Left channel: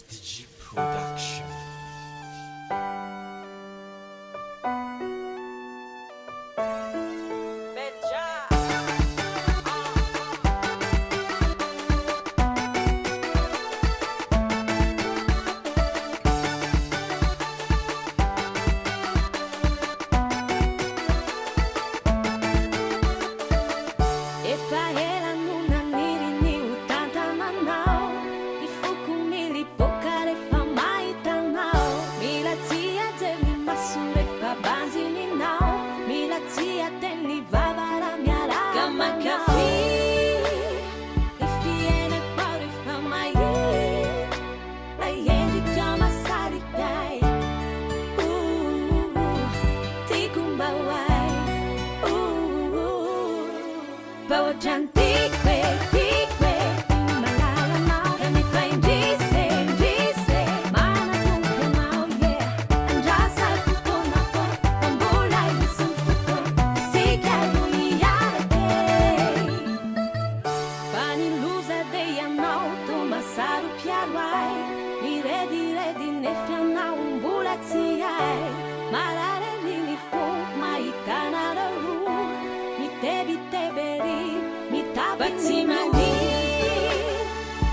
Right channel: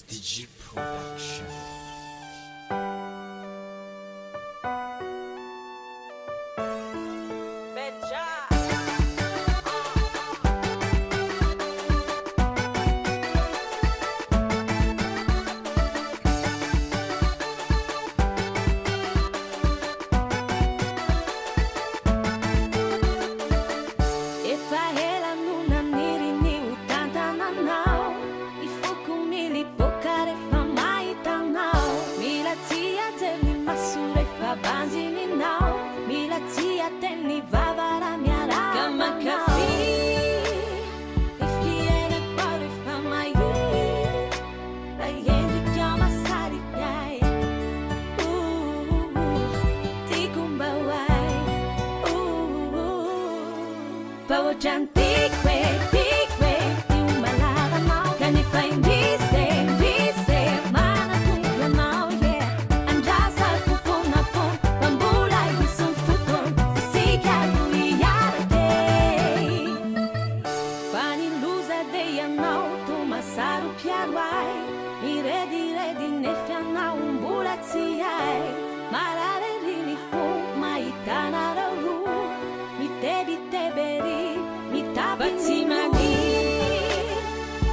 SDG Production. Beja. Efa ela nuna niri ni utanta nanao Ifuku mili pokare fa maita nao Mila tia deli masure fa banzi ni nao Mila tia teni vavara miara Kama kafi Ifiena kwaure fa mai La yendi kama sari yai Tikumba wai Bawa cantikwe, tikwe, timalala mau Kani fai dise, mana tungkwe mau, yeah Anjasa kufuna fun, bambula yusum futun Sika luiarake Pani luza de yanau, tumasaru piarwai Mi redi nefia umbula tsiai Marare rini fun, maitana raru Mi tebi teberi, mi tabi Batimani,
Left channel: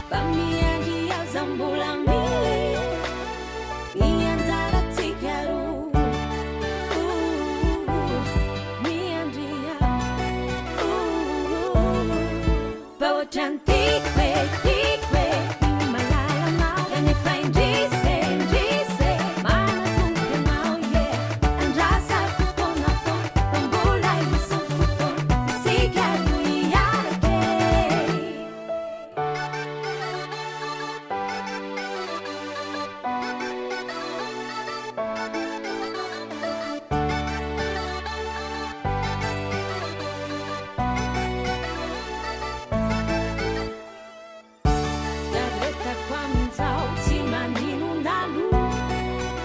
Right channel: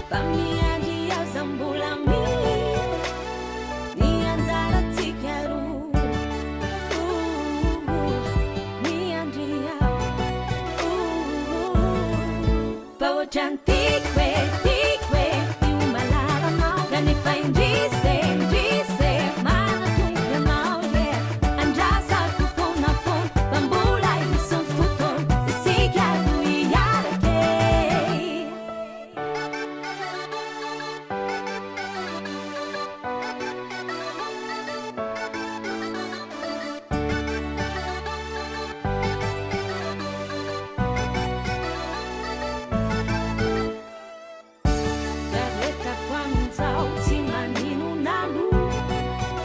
pamianji ya zambulami Ni anzara tikaru Ni anji ya Bawa cantikwe, tikwe Ni malala mau Kani fai dise Mana tungkwe mau, yeah Anjasa kufuna fun Bambula yusum futun Isika luiarake Yareta kwa mzao timaninu nalu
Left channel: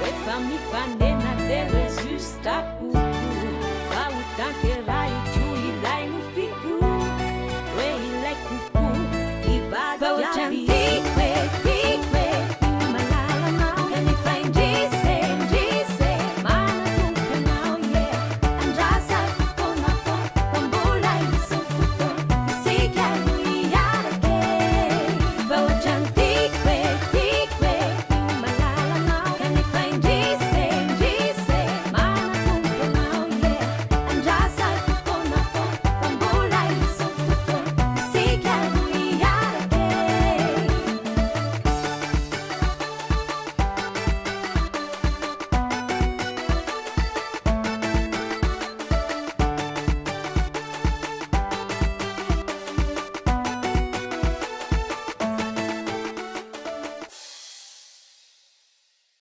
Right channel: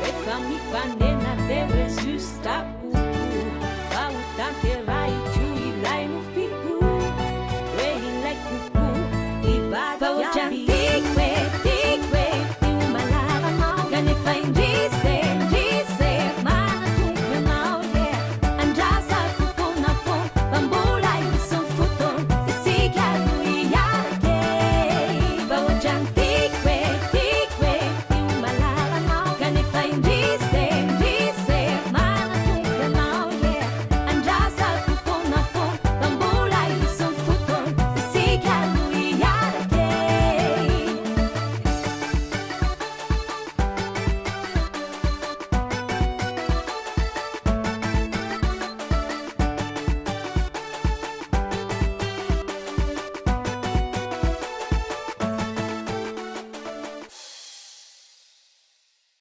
Befa mi fanena dewe justa kuku Wa utantera ichu ilai no fiku We ilai kuku Ibada